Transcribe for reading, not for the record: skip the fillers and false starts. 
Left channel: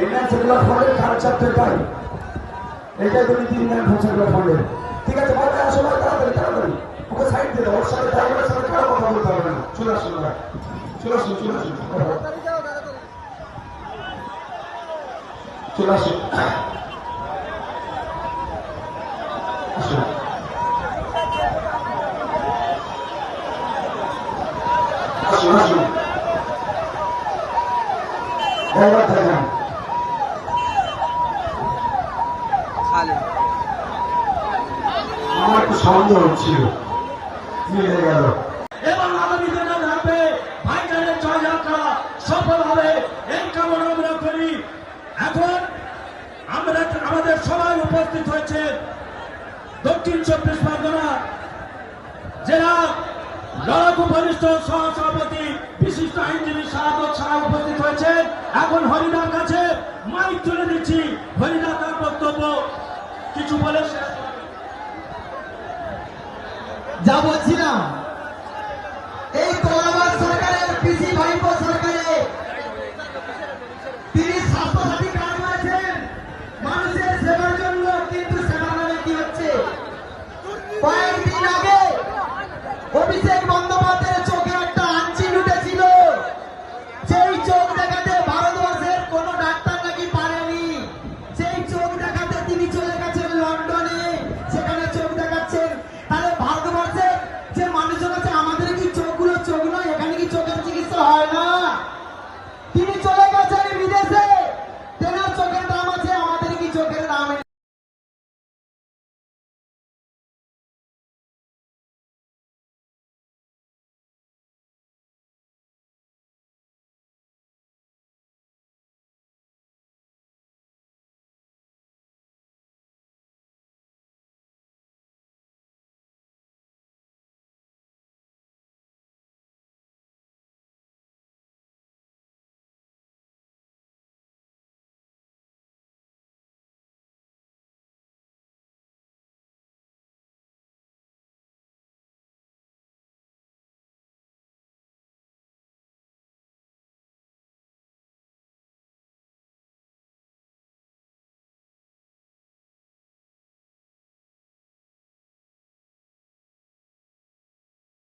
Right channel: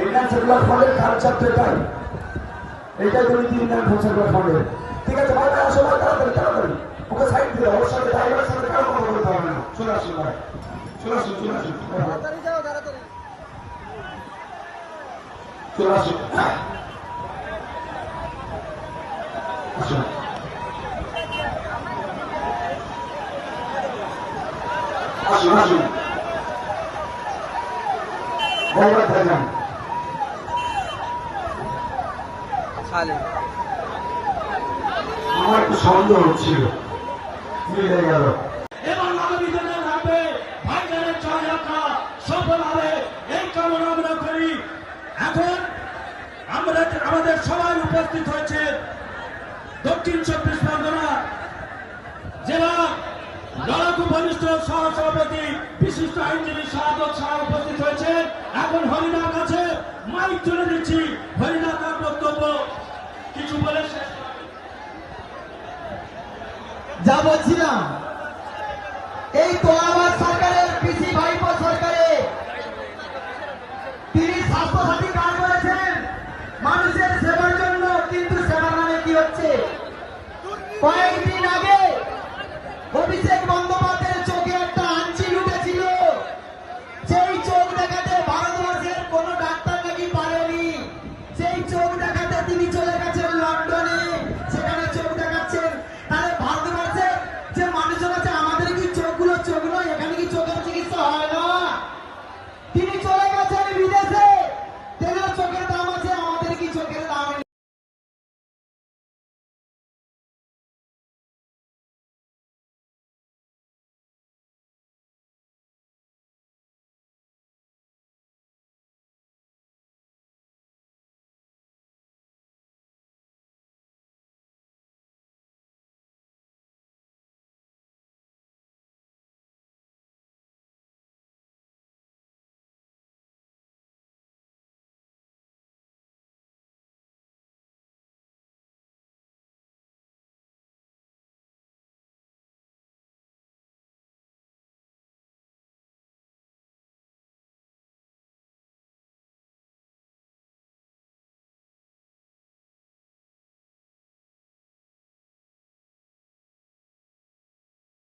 Indian secular ফ্রন্টের কালচারটাই এইটাই তো নীতি ইন্ডিয়ান সেকুলার ফ্রন্টের। ঠিক আছে ভাই, আসো ভাই, তাড়াতাড়ি তাড়াতাড়ি ওকে সাইড দিলে ওর সাথে ড্রাইভারের সাথে কারো কথা বলতে হবে না। চলে আসুন ভাই, চলে আসুন, চলে আসুন, চলে আসুন, আসুন, আসুন, আসুন, ড্রাইভার থাকবেন। আমার একটু সন্দেহ হচ্ছিল মিলে গেল। এবং আগামী দিনের হবে ভাইজানের জয়যাত্রা সফল হবে এই কামনা আমরা করি। এখন আমরা আমাদের সবাই উপস্থিত হয়েছে দক্ষিণ 24 পরগনা জেলা লড়াকু বরিষ্ঠ সহসভাপতি বিশিষ্ট আইনজীবী শাহাদত শাহ উপস্থিত হয়েছে। এখন হরিদার কাছে মাইক তুলে দিচ্ছি, হরিদা তার বক্তব্য কিছু বলে যা বলছিলাম, এই তোলাবাদ সরকারের পিসি ভাইপো সরকারের তিনি স্বাস্থ্যসাথী কার্ড করেছেন মানুষের সেবার জন্য, কিন্তু সেবার নামে কি হচ্ছে? কয়েকদিন আগে অভিষেক বন্দ্যোপাধ্যায়ের চোখে একটা আঞ্চি উঠেছিল, সেই চোখ দেখাতে ভারতবর্ষের কোন ডাক্তার নাকি পারেনি, সেই চোখ দেখাতে তিনি চলে